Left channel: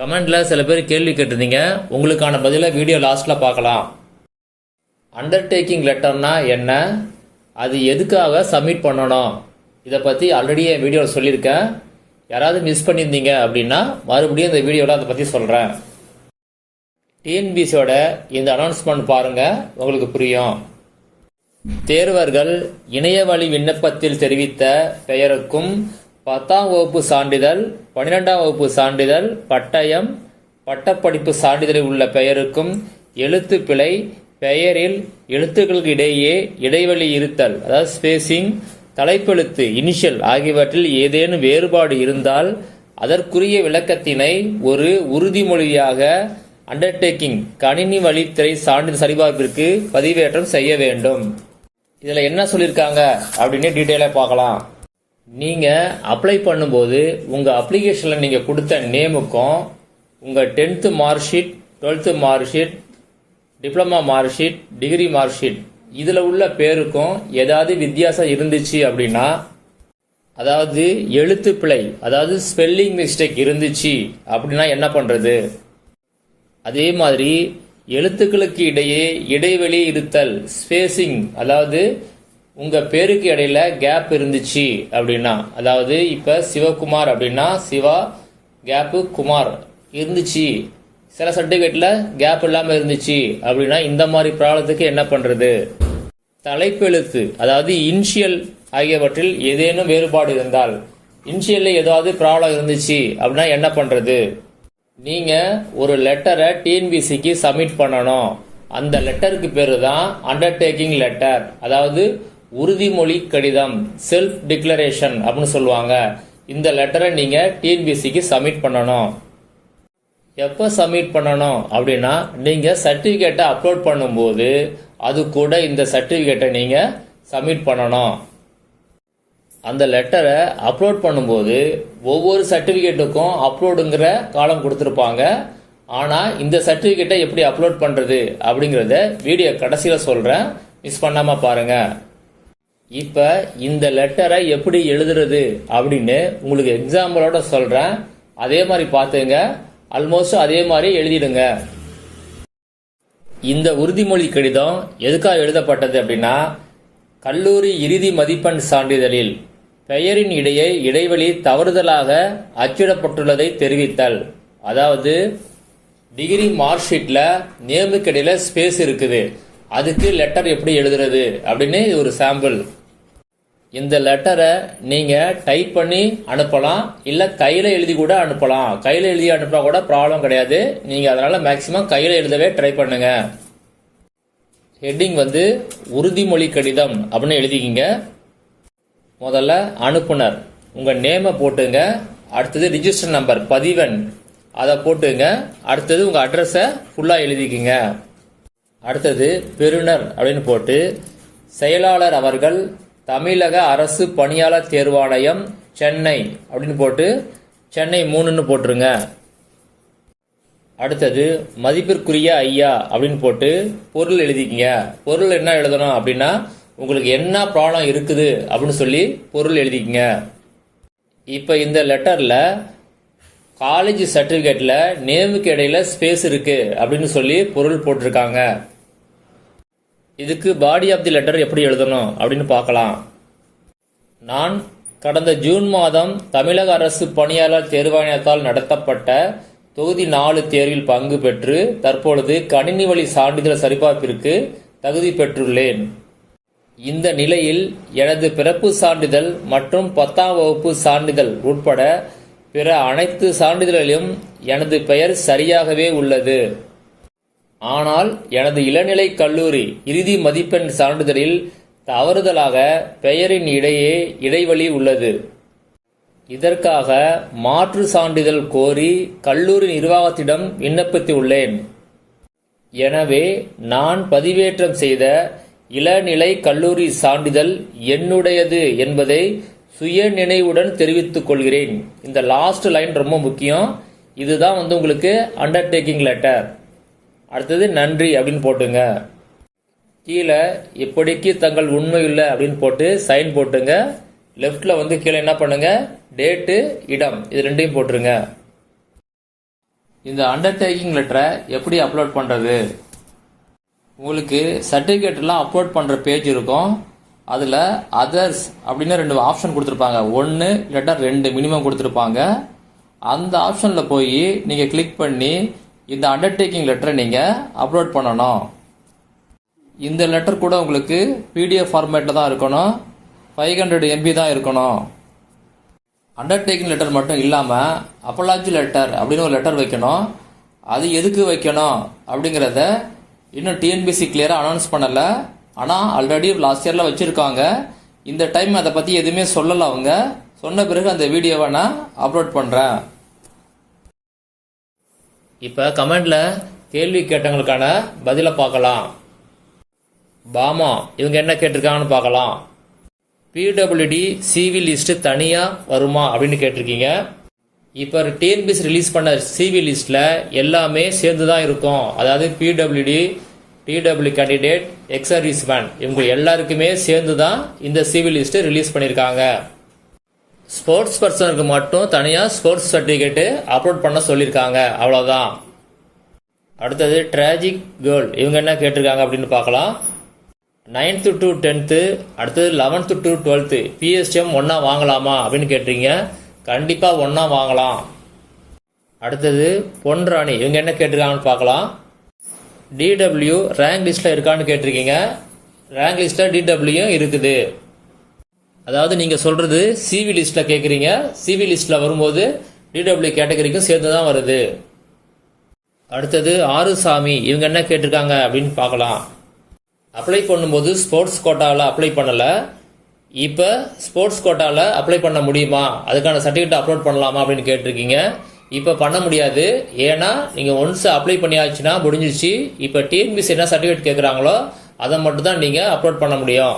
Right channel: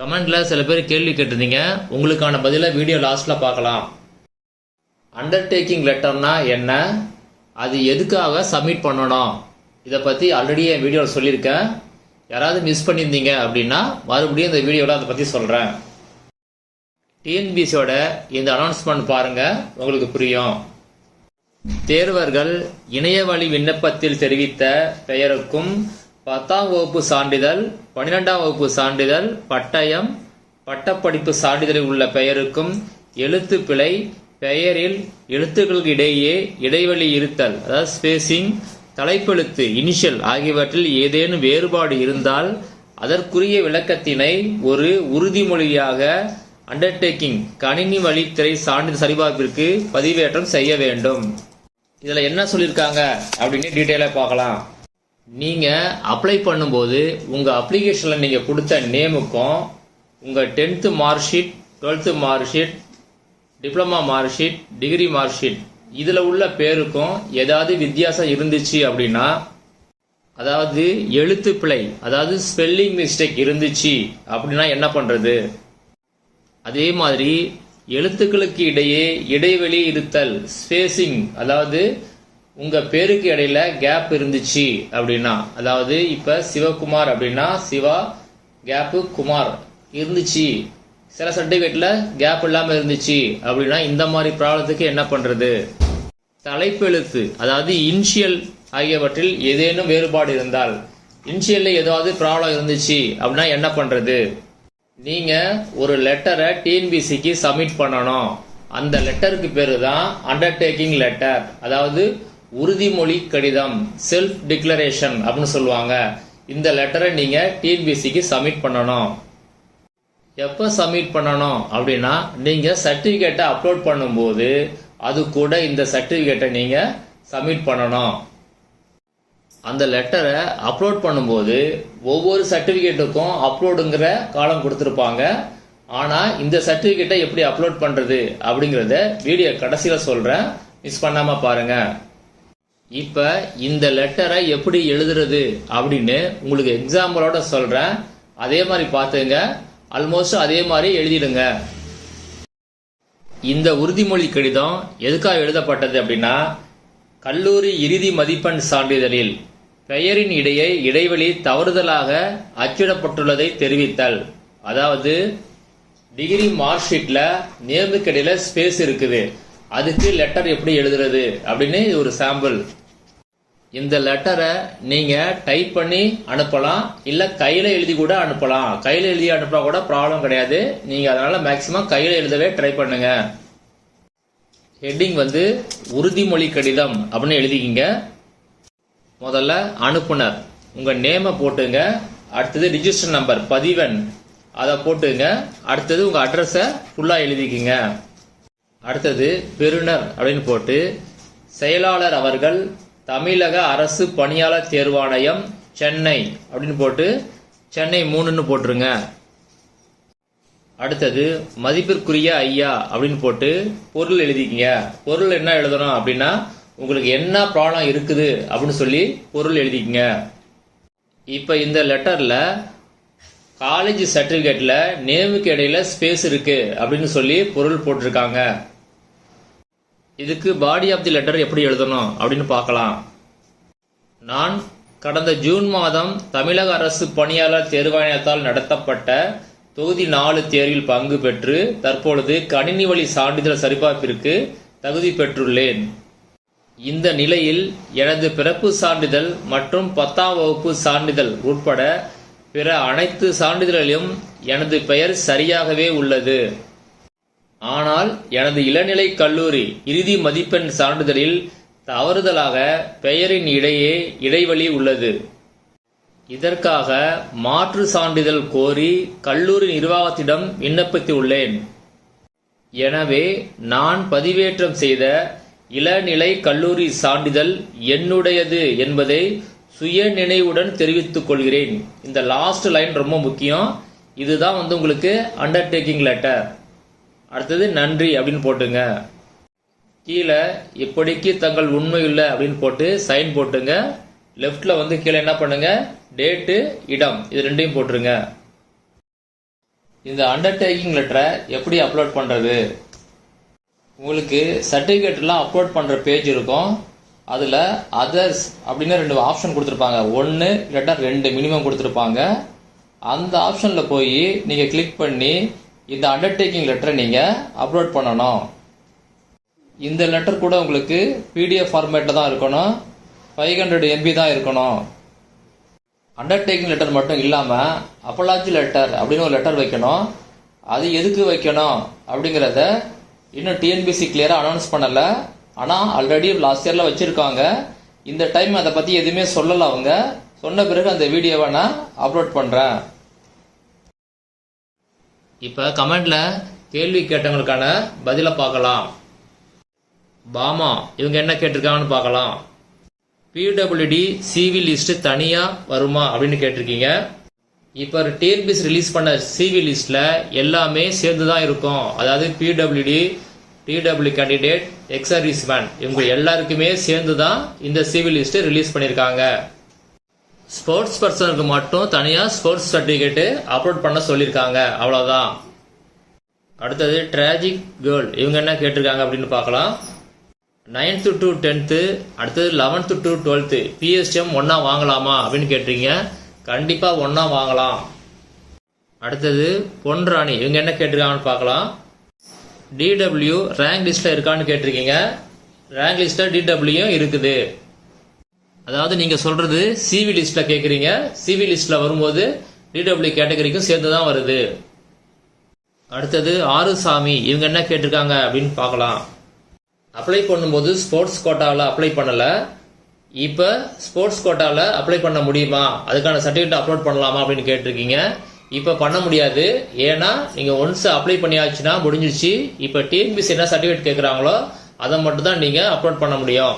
கமெண்டில் சில பேர் கேள்வி கேட்டிருந்தீங்க. உங்களுக்கான பதிலை வீடியோ லாஸ்ட்டில் பார்க்கலாம். அண்டர்டேக்கிங் லெட்டர்னா என்ன? அது எதுக்காக சப்மிட் பண்ணணும்? இதை பற்றி ஆல்ரெடி என் வீடியோவில் சொல்லியிருக்கேன். யாராவது மிஸ் பண்ணியிருந்தீங்க அப்படின்னா மறுபடியும் இந்த வீடியோவில் அதை பற்றி சொல்கிறேன் டிஎன்பிசியோட இந்த அனௌன்ஸ்மெண்ட் பாருங்கள் உங்களுக்கு புரியும். தேர்வர்கள் இணையவழி விண்ணப்பத்தில் தெரிவித்த பெயருக்கும் பத்தாம் வகுப்பு சான்றிதழ் பன்னிரெண்டாம் வகுப்பு சான்றிதழ் பட்டயம் பட்டப்படிப்பு சான்றிதழில் உள்ள பெயருக்கும் எழுத்து பிழை பெயரில் எழுத்துக்களுக்கு இடையே இடைவெளி இருத்தல் அதாவது ஸ்பேசிங் தலைப்பெழுத்து இனிஷியல் ஆகியவற்றில் ஏதேனும் வேறுபாடு இருந்தால் அதற்குரிய விளக்கத்தினை ஒரு உறுதிமொழியாக அண்டர்டேக்கிங் கணினி வழித்துறை சான்றிதழ் சரிபார்ப்பிற்கு பதிவேற்றம் செய்ய வேண்டும். இதில் என்ன சொல்லியிருக்காங்க? அப்படின்னு டீட்டெயிலாக பார்க்கலாம். நீங்கள் அப்ளை பண்ணும்போது உங்கள் அப்ளிகேஷனில் நீங்கள் கொடுத்த நேமுக்கும் உங்கள் tenth mark sheet twelfth mark sheet diploma mark sheet degree mark sheet இதில் உள்ள பேருக்கும் ஏதாவது வித்தியாசம் இருந்துச்சு அப்படின்னா அதாவது எழுத்து பிழை அதாவது ஸ்பெல்லிங் மிஸ்டேக் இருந்துச்சு அப்படின்னா என்ன பண்ணுறது அதே மாதிரி எழுத்துக்களுக்கு இடையே இடைவெளி இருத்தல் ஸ்பேசிங் அதாவது உங்கள் பேருக்கு இடையில கேப் இருந்துச்சு அப்படின்னா அதாவது இப்போ சிவகுமார் அப்படின்னா சிவா கேப்பு குமார் இருந்துச்சு. சில சர்டிபிகேட்ல கேப் இல்லாமல் இருந்துச்சு அப்படின்னா இந்த மாதிரி ப்ராப்ளத்துக்கு என்ன பண்ணுறது தலைப்பெழுத்து அதாவது இன்ஷியல் ஆகியவற்றில் ஏதேனும் வேறுபாடு இருந்தால் இன்ஷியலில் ஏதாவது ப்ராப்ளம் இருந்துச்சு அப்படின்னா என்ன பண்ணுறது நீங்கள் ஒரு லெட்டரை டிஎன்பிசிக்கு சப்மிட் பண்ணணும். அந்த லெட்டருக்கு பேர் தான் அண்டர்டேக்கிங் லெட்டர் அதாவது உறுதிமொழி கடிதம் செல்ஃப் டிக்ளரேஷன் அப்படின்னு சொல்லுவாங்க. இந்த லெட்டரை நீங்கள் டிஎன்பிசிக்கு சப்மிட் பண்ணணும். எப்போ சப்மிட் பண்ணணும் அப்படின்னா நீங்கள் சர்டிஃபிகேட்டை அப்லோட் பண்ணும்போது அது கூட இந்த சர்டிஃபிகேட்டை நீங்கள் சப்மிட் பண்ணணும். அந்த லெட்டரை அப்லோட் பண்ணும்போது ஒவ்வொரு சர்டிஃபிகேட்டுக்கும் அப்லோடுங்கிற காலம் கொடுத்துருப்பாங்க. ஆனால் இந்த சர்டிஃபிகேட்டை எப்படி அப்லோட் பண்ணுறது அப்படிங்கிறத வீடியோ கடைசியில் சொல்கிறேன் மிஸ் பண்ணாமல் பாருங்கள் இப்போ இந்த லெட்டரை எப்படி எழுதுறது அப்படின்னு உங்களுக்கு எக்ஸாம்பிளோட சொல்கிறேன் அதே மாதிரி பார்த்துங்க. ஆல்மோஸ்ட் அதே மாதிரி எழுதிடுங்க. இந்த உறுதிமொழி கடிதம் எதுக்காக எழுதப்பட்டது அப்படின்னா கல்லூரி இறுதி மதிப்பெண் சான்றிதழில் பெயரின் இடையே இடைவெளி தவறுதலாக அச்சிடப்பட்டுள்ளதை தெரிவித்தல். அதாவது டிகிரி மார்க் ஷீட்டில் நேமுக்கு ஸ்பேஸ் இருக்குது. அதுக்கு லெட்டர் எப்படி எழுதுறது அப்படின்னு இது ஒரு சாம்பிள் இந்த லெட்டரை நீங்க டைப் பண்ணி அனுப்பலாம். இல்ல கையில எழுதி கூட அனுப்பலாம். கையில எழுதி அனுப்பினா கூட ப்ராப்ளம் கிடையாது. நீங்க அதனால மேக்சிமம் கையில எழுதவே ட்ரை பண்ணுங்க. ஹெட்டிங் வந்து உறுதிமொழி கடிதம் அப்படின்னு எழுதிக்கிங்க. முதல்ல அனுப்புனர். உங்கள் நேமை போட்டுங்க. அடுத்தது ரிஜிஸ்டர் நம்பர் பதிவன் அதை போட்டுங்க. அடுத்தது உங்கள் அட்ரஸை ஃபுல்லாக எழுதிக்கிங்க. அடுத்தது பெறுநர் அப்படின்னு போட்டு செயலாளர் அவர்கள் தமிழக அரசு பணியாளர் தேர்வாணையம் சென்னை அப்படின்னு போட்டு சென்னை மூணுன்னு போட்டுருங்க. அடுத்தது மதிப்பிற்குரிய ஐயா அப்படின்னு போட்டு பொருள் எழுதிக்கிங்க. பொருள் என்ன எழுதணும் அப்படின்னா உங்களுக்கு என்ன ப்ராப்ளம் இருக்குது அப்படின்னு சொல்லி பொருள் எழுதிக்கங்க. இப்போ இந்த லெட்டரில் காலேஜ் சர்டிஃபிகேட்டில் நேமுக்கு இடையில ஸ்பேஸ் இருக்குது அப்படின்னு சொல்லி பொருள் போட்டிருக்காங்க. இதுக்கு பாடி ஆஃப் தி லெட்டர் எப்படி எழுதணும் அப்படின்னு பார்க்கலாம். நான் கடந்த ஜூன் மாதம் தமிழக அரசு பணியாளர் தேர்வாணையத்தால் நடத்தப்பட்ட தொகுதி நாலு தேர்வில் பங்கு பெற்று தற்பொழுது கணினி வழி சான்றிதழ் சரிபார்ப்பிற்கு தகுதி பெற்றுள்ளேன். இந்த நிலையில் எனது பிறப்பு சான்றிதழ் மற்றும் பத்தாம் வகுப்பு சான்றிதழ் உட்பட பிற அனைத்து சான்றிதழிலும் எனது பெயர் சரியாகவே உள்ளது. ஆனால் எனது இளநிலை கல்லூரி இறுதி மதிப்பெண் சான்றிதழில் தவறுதலாக பெயரின் இடையே இடைவெளி உள்ளது. இதற்காக மாற்று சான்றிதழ் கோரி கல்லூரி நிர்வாகத்திடம் விண்ணப்பித்துள்ளேன். எனவே நான் பதிவேற்றம் செய்த இளநிலை கல்லூரி சான்றிதழ் என்னுடையது என்பதை சுய நினைவுடன் தெரிவித்துக் கொள்கிறேன். இந்த லாஸ்ட் லைன் ரொம்ப முக்கியம். இதுதான் வந்து உங்களுக்கு அண்டர்டேக்கிங் லெட்டர் அடுத்தது நன்றி அப்படின்னு போட்டுங்க. கீழே இப்படிக்கு தங்கள் உண்மை இல்லை அப்படின்னு போட்டு சைன் போட்டுங்க. லெஃப்டில் வந்து கீழே என்ன பண்ணுங்க? டேட்டு இடம். இது ரெண்டையும் போட்டுருங்க. இந்த அண்டர்டேக்கிங் லெட்டரை எப்படி அப்லோட் பண்ணுறது உங்களுக்கு சர்டிஃபிகேட்லாம் அப்லோட் பண்ணுற பேஜ் இருக்கும். அதில் அதர்ஸ் அப்படின்னு ரெண்டு ஆப்ஷன் கொடுத்துருப்பாங்க. ஒன்று இல்லாட்டா ரெண்டு மினிமம் கொடுத்துருப்பாங்க. அந்த ஆப்ஷனில் போய் நீங்கள் கிளிக் பண்ணி இந்த அண்டர்டேக்கிங் லெட்டரை நீங்கள் அப்லோட் பண்ணணும். இந்த லெட்டர் கூட உங்களுக்கு பிடிஎஃப் ஃபார்மேட்டில் தான் இருக்கணும். ஃபைவ் ஹண்ட்ரட் எம்பி தான் இருக்கணும். அண்டர்டேக்கிங் லெட்டர் மட்டும் இல்லாமல் அப்பலாஜி லெட்டர் அப்படின்னு ஒரு லெட்டர் வைக்கணும். அது எதுக்கு வைக்கணும் அப்படிங்கிறத இன்னும் டிஎன்பிசி கிளியராக அனௌன்ஸ் பண்ணலை. ஆனால் ஆல்ரெடி லாஸ்ட் இயரில் வச்சுருக்காங்க. இந்த டைம் அதை பற்றி எதுவுமே சொல்லலை அவங்க. சொன்ன பிறகு அந்த வீடியோவை நான் அப்லோட் பண்ணுறேன் இப்போ கமெண்டில் கேள்வி கேட்டவங்களுக்கான பதிலை பார்க்கலாம். பாமா இவங்க என்ன கேட்டிருக்காங்கன்னு பார்க்கலாம். பிடபிள்யூடி சிவி லிஸ்ட் தனியா வருமா அப்படின்னு கேட்டிருக்கீங்க. இப்போ டிஎன்பிஎஸ் ரிலீஸ் பண்ண சிவி லிஸ்ட்ல எல்லாமே சேர்ந்து தான் இருக்கும். அதாவது பிடபிள்யூடி டிடபிள்யூ கேண்டிடேட் எக்ஸ் இவங்க எல்லாருக்குமே சேர்ந்து தான் இந்த சிவி லிஸ்ட் ரிலீஸ் பண்ணியிருக்காங்க. ஸ்போர்ட்ஸ் பர்சனுக்கு மட்டும் தனியாக ஸ்போர்ட்ஸ் சர்டிஃபிகேட்டு அப்லோட் பண்ண சொல்லியிருக்காங்க. அவ்வளோதான் அடுத்தது ட்ராஜிக் கேர்ள் இவங்க என்ன கேட்டிருக்காங்க அப்படின்னு பார்க்கலாம். நைன்த்து டு டென்த்து அடுத்தது லெவன்த்து டு டுவெல்த்து பிஎஸ்டிஎம் ஒன்றா வாங்கலாமா அப்படின்னு கேட்டிருக்கீங்க. கண்டிப்பாக ஒன்றா வாங்கலாம். அடுத்தது பொன்ராணி இவங்க என்ன கேட்டிருக்காங்கன்னு பார்க்கலாம். டிடபிள்யூ ரேங்க் லிஸ்ட்டில் இருக்கான்னு கேட்டிருக்கீங்க. ரேங்க் லிஸ்ட்டில் டிடபிள்யூ இருக்குது. அதாவது நீங்கள் சொல்கிறது சிவி லிஸ்ட்டில் கேட்குறீங்க சிவி லிஸ்ட்டில் வரும்போது டிடபிள்யூ கேட்டகரிக்கும் சேர்ந்து தான் வருது. அடுத்தது ஆறு சாமி இவங்க என்ன கேட்டிருக்காங்க அப்படின்னு பார்க்கலாம். அப்ளை பண்ணும்போது ஸ்போர்ட்ஸ் கோட்டாவில் அப்ளை பண்ணலை. இப்போ ஸ்போர்ட்ஸ் கோட்டாவில் அப்ளை பண்ண முடியுமா? அதுக்கான சர்டிஃபிகேட் அப்லோட் பண்ணலாமா அப்படின்னு கேட்டிருக்கீங்க. இப்போ பண்ண முடியாது. ஏன்னா நீங்கள் ஒன்ஸ் அப்ளை பண்ணியாச்சுன்னா முடிஞ்சிச்சு இப்போ டிஎன்பிசி என்ன சர்டிஃபிகேட் கேட்குறாங்களோ அதை மட்டும் தான் நீங்கள் அப்லோட் பண்ண முடியும்.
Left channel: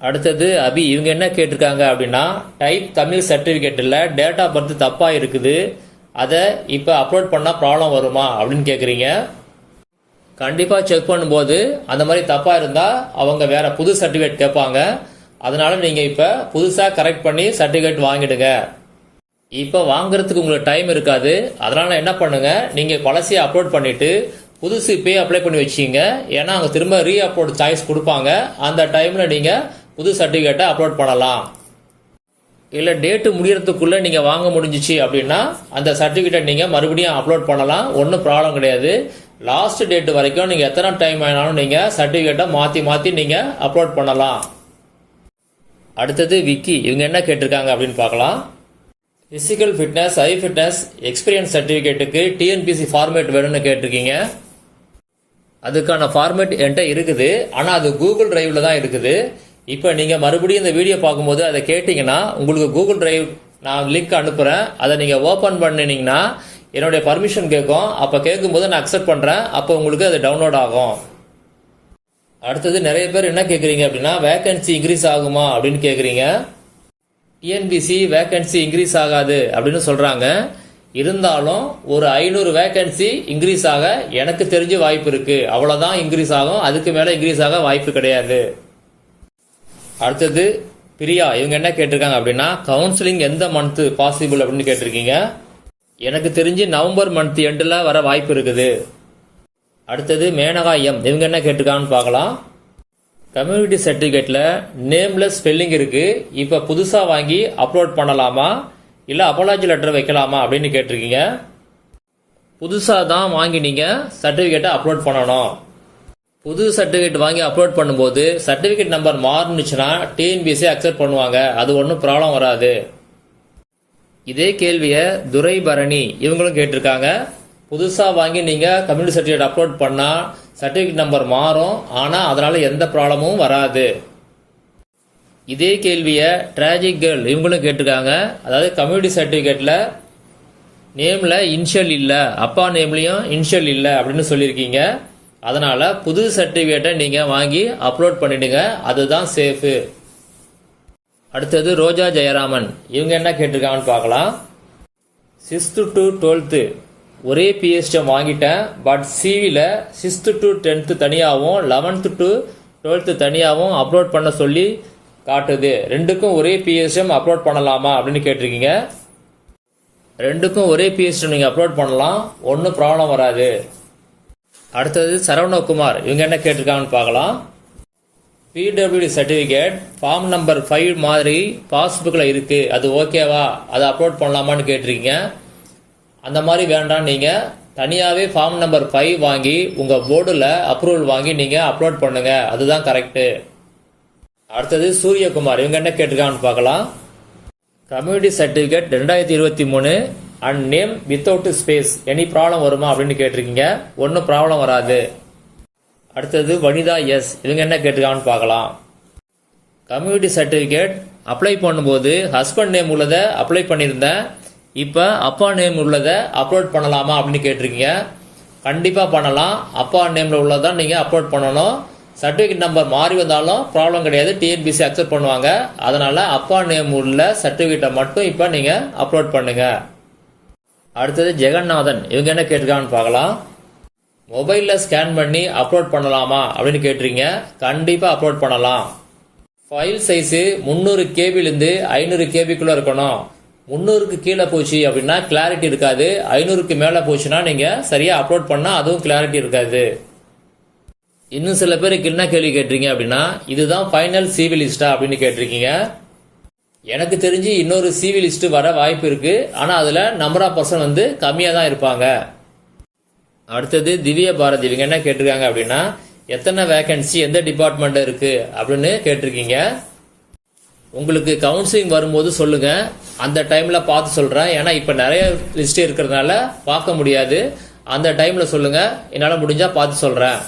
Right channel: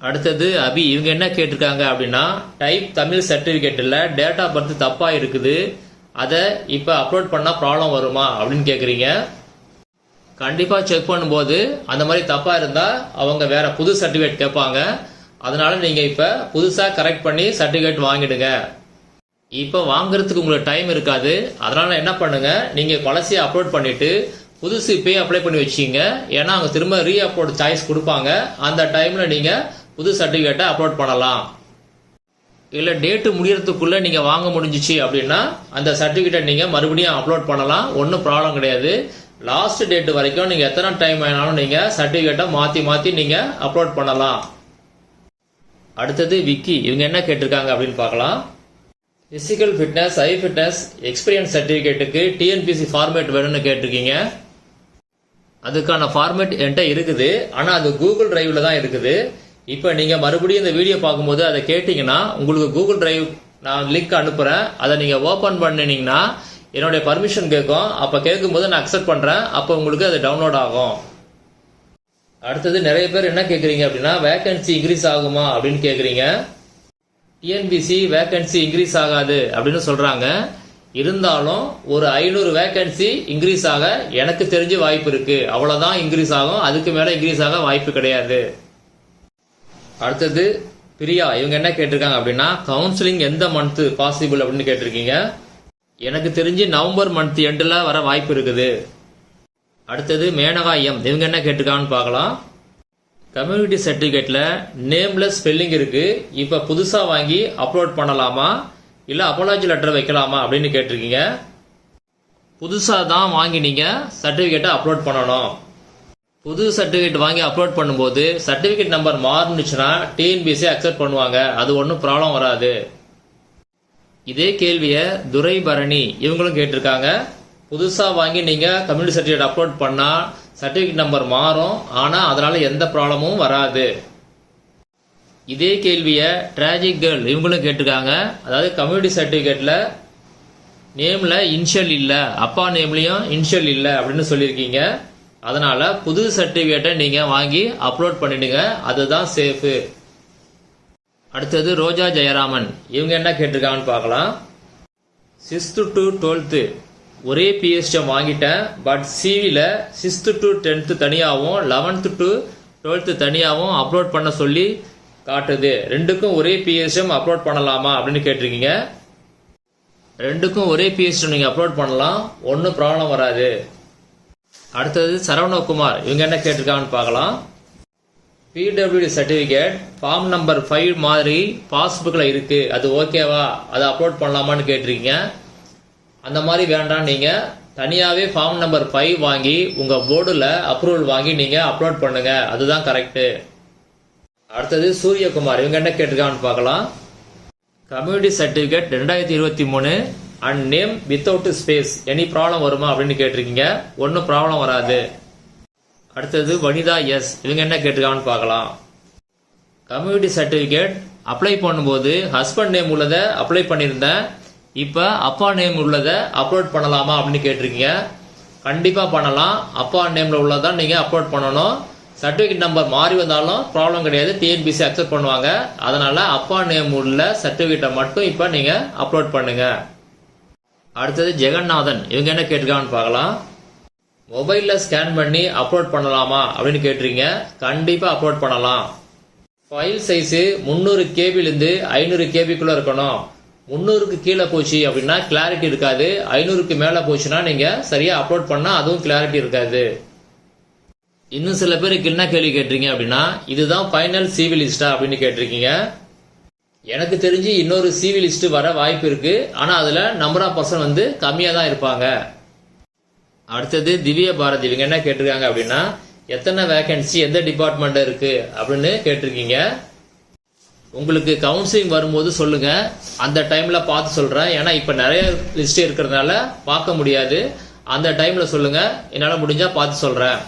அடுத்தது அபி இவங்க என்ன கேட்டிருக்காங்க அப்படின்னா டைப் தமிழ் சர்டிஃபிகேட்டில் டேட் ஆஃப் பர்த் தப்பாக இருக்குது அதை இப்போ அப்லோட் பண்ணால் ப்ராப்ளம் வருமா அப்படின்னு கேட்குறீங்க கண்டிப்பாக செக் பண்ணும்போது அந்த மாதிரி தப்பாக இருந்தால் அவங்க வேற புது சர்டிஃபிகேட் கேட்பாங்க அதனால நீங்கள் இப்போ புதுசாக கரெக்ட் பண்ணி சர்டிஃபிகேட் வாங்கிடுங்க. இப்போ வாங்குறதுக்கு உங்களுக்கு டைம் இருக்காது. அதனால என்ன பண்ணுங்க நீங்கள் பழசியை அப்லோட் பண்ணிட்டு புதுசு இப்பயே அப்ளை பண்ணி வச்சிங்க ஏன்னா அவங்க திரும்ப ரீ அப்லோட் சாய்ஸ் கொடுப்பாங்க. அந்த டைமில் நீங்கள் புது சர்டிஃபிகேட்டை அப்லோட் பண்ணலாம். இல்லை டேட்டு முடியறதுக்குள்ளே நீங்கள் வாங்க முடிஞ்சிச்சு அப்படின்னா அந்த சர்டிஃபிகேட்டை நீங்கள் மறுபடியும் அப்லோட் பண்ணலாம். ஒன்றும் ப்ராப்ளம் கிடையாது. லாஸ்ட் டேட் வரைக்கும் நீங்கள் எத்தனை டைம் ஆனாலும் நீங்கள் சர்டிஃபிகேட்டை மாற்றி மாற்றி நீங்கள் அப்லோட் பண்ணலாம். அடுத்தது விக்கி. இவங்க என்ன கேட்டிருக்காங்க அப்படின்னு பார்க்கலாம். பிசிக்கல் ஃபிட்னஸ் ஐ ஃபிட்னஸ் எக்ஸ்பீரியன்ஸ் சர்டிஃபிகேட்டுக்கு டிஎன்பிசி ஃபார்மேட் வேணும்னு கேட்டிருக்கீங்க. அதுக்கான ஃபார்மேட் என்கிட்ட இருக்குது. ஆனால் அது கூகுள் டிரைவில் தான் இருக்குது. இப்போ நீங்கள் மறுபடியும் இந்த வீடியோ பார்க்கும்போது அதை கேட்டிங்கன்னா உங்களுக்கு கூகுள் டிரைவ் நான் லிங்க் அனுப்புகிறேன் அதை நீங்கள் ஓப்பன் பண்ணினீங்கன்னா என்னுடைய பர்மிஷன் கேட்கும். அப்போ கேட்கும்போது நான் அக்செப்ட் பண்ணுறேன் அப்போ உங்களுக்கு அது டவுன்லோட் ஆகும். அடுத்தது நிறைய பேர் என்ன கேட்குறீங்க அப்படின்னா வேக்கன்சி இன்க்ரீஸ் ஆகுமா அப்படின்னு கேட்குறீங்க. டிஎன்பிசி வேக்கன்சி இன்க்ரீஸ் ஆகாது அப்படின்னு சொல்கிறாங்க இருந்தாலும் ஒரு ஐநூறு வேக்கன்சி இன்க்ரீஸ் ஆக எனக்கு தெரிஞ்ச வாய்ப்பு இருக்குது அவ்வளோதான் இன்க்ரீஸ் ஆகும். அதுக்கு மேலே இன்க்ரீஸ் ஆக வாய்ப்பு கிடையாது. அடுத்தது பிரியா இவங்க என்ன கேட்டிருக்காங்க அப்படின்னா கவுன்சிலிங் எந்த மந்த் பாசிபிள் அப்படின்னு கேட்டிருக்கீங்க. எனக்கு தெரிஞ்சு நவம்பர் மந்த் எண்டில் வர வாய்ப்பு இருக்குது. அடுத்தது மேனகா எம் இவங்க என்ன கேட்டிருக்காங்கன்னு பார்க்கலாம். கம்யூனிட்டி சர்டிஃபிகேட்டில் நேம்லெஸ் ஸ்பெல்லிங் இருக்குது இப்போ புதுசாக வாங்கி அப்லோட் பண்ணலாமா? இல்லை அப்பாலஜி லெட்டர் வைக்கலாமா அப்படின்னு கேட்டிருக்கீங்க. புதுசாக தான் வாங்கி நீங்கள் சர்டிஃபிகேட்டை அப்லோட் பண்ணணும். புது சர்டிஃபிகேட் வாங்கி அப்லோட் பண்ணும்போது சர்டிஃபிகேட் நம்பர் மாறுனுச்சுன்னா டிஎன்பிஎஸ்சி அக்செப்ட் பண்ணுவாங்க. அது ஒன்றும் ப்ராப்ளம் வராது. இதே கேள்வியை துரை பரணி இவங்களும் கேட்டிருக்காங்க. புதுசாக வாங்கி நீங்கள் கம்யூனிட்டி சர்டிஃபிகேட் அப்லோட் பண்ணால் சர்டிஃபிகேட் நம்பர் மாறும். ஆனால் அதனால் எந்த ப்ராப்ளமும் வராது. இதே கேள்வியை டிராஜிக் கேர்ள் இவங்களும் கேட்டிருக்காங்க. அதாவது கம்யூனிட்டி சர்டிஃபிகேட்டில் நேமில் இன்ஷியல் இல்லை. அப்பா நேம்லேயும் இன்ஷியல் இல்லை அப்படின்னு சொல்லியிருக்கீங்க. அதனால புது சர்டிஃபிகேட்டை நீங்கள் வாங்கி அப்லோட் பண்ணிடுங்க. அதுதான் சேஃபு அடுத்தது ரோஜா ஜெயராமன். இவங்க என்ன கேட்டிருக்காங்கன்னு பார்க்கலாம். சிக்ஸ்த்து டு டுவெல்த்து ஒரே பிஎஸ்டிஎம் வாங்கிட்டேன். பட் சிவியில் சிக்ஸ்த்து டு டென்த்து தனியாகவும் லெவன்த்து டு டுவெல்த்து தனியாகவும் அப்லோட் பண்ண சொல்லி காட்டுது. ரெண்டுக்கும் ஒரே பிஎஸ்டிஎம் அப்லோட் பண்ணலாமா அப்படின்னு கேட்டிருக்கீங்க. ரெண்டுக்கும் ஒரே பிஹெச்டி நீங்கள் அப்லோட் பண்ணலாம். ஒன்றும் ப்ராப்ளம் வராது. அடுத்தது சரவணகுமார். இவங்க என்ன கேட்டிருக்காங்கன்னு பார்க்கலாம். PWD certificate form number five மாதிரி பாஸ்புக்கில் இருக்கு. அது ஓகேவா அதை அப்லோட் பண்ணலாமான்னு கேட்டிருக்கீங்க. அந்த மாதிரி வேண்டாம். நீங்கள் தனியாகவே ஃபார்ம் நம்பர் ஃபைவ் வாங்கி உங்கள் போர்டில் அப்ரூவல் வாங்கி நீங்கள் அப்லோட் பண்ணுங்கள் அதுதான் கரெக்டு அடுத்தது சூரியகுமார். இவங்க என்ன கேட்டிருக்காங்கன்னு பார்க்கலாம். கம்யூனிட்டி சர்டிஃபிகேட் ரெண்டாயிரத்தி இருபத்தி மூணு. And name without space any problem வருமா அப்படின்னு கேட்டிருக்கீங்க? ஒன்றும் ப்ராப்ளம் வராது. அடுத்தது வனிதா எஸ் இவங்க என்ன கேட்டிருக்காங்கன்னு பார்க்கலாம். கம்யூனிட்டி சர்டிஃபிகேட் அப்ளை பண்ணும்போது ஹஸ்பண்ட் நேம் உள்ளதை அப்ளை பண்ணியிருந்தேன். இப்போ அப்பா நேம் உள்ளதை அப்லோட் பண்ணலாமா அப்படின்னு கேட்டிருக்கீங்க. கண்டிப்பாக பண்ணலாம். அப்பா நேமில் உள்ளதான் நீங்கள் அப்லோட் பண்ணணும். சர்டிஃபிகேட் நம்பர் மாறி வந்தாலும் ப்ராப்ளம் கிடையாது. டிஎன்பிசி அக்செப்ட் பண்ணுவாங்க. அதனால் அப்பா நேம் உள்ள சர்டிஃபிகேட்டை மட்டும் இப்போ நீங்கள் அப்லோட் பண்ணுங்கள் அடுத்தது ஜெகநாதன். இவங்க என்ன கேட்டிருக்காங்கன்னு பார்க்கலாம். மொபைலில் ஸ்கேன் பண்ணி அப்லோட் பண்ணலாமா அப்படின்னு கேட்டிருக்கீங்க. கண்டிப்பாக அப்லோட் பண்ணலாம். ஃபைல் சைஸு முந்நூறு கேபிலேருந்து ஐநூறு கேபிக்குள்ளே இருக்கணும். முந்நூறுக்கு கீழே போச்சு அப்படின்னா கிளாரிட்டி இருக்காது. ஐநூறுக்கு மேலே போச்சுன்னா நீங்கள் சரியாக அப்லோட் பண்ணால் அதுவும் கிளாரிட்டி இருக்காது. இன்னும் சில பேருக்கு என்ன கேள்வி கேட்டிருக்கீங்க அப்படின்னா இதுதான் ஃபைனல் சிவி லிஸ்டா அப்படின்னு கேட்டிருக்கீங்க. எனக்கு தெரிஞ்சு இன்னொரு சிவி லிஸ்ட்டு வர வாய்ப்பு இருக்கு. ஆனால் அதில் நம்பர் ஆஃப் பர்சன் வந்து கம்மியாக தான் இருப்பாங்க. அடுத்தது திவ்ய பாரதி. இவங்க என்ன கேட்டிருக்காங்க அப்படின்னா எத்தனை வேகன்சி எந்த டிபார்ட்மெண்ட் இருக்கு அப்படின்னு கேட்டிருக்கீங்க. உங்களுக்கு கவுன்சிலிங் வரும்போது சொல்லுங்க. அந்த டைம்ல பார்த்து சொல்றேன். ஏன்னா இப்ப நிறைய லிஸ்ட் இருக்கிறதுனால பார்க்க முடியாது. அந்த டைம்ல சொல்லுங்க. என்னால் முடிஞ்சா பார்த்து சொல்றேன்.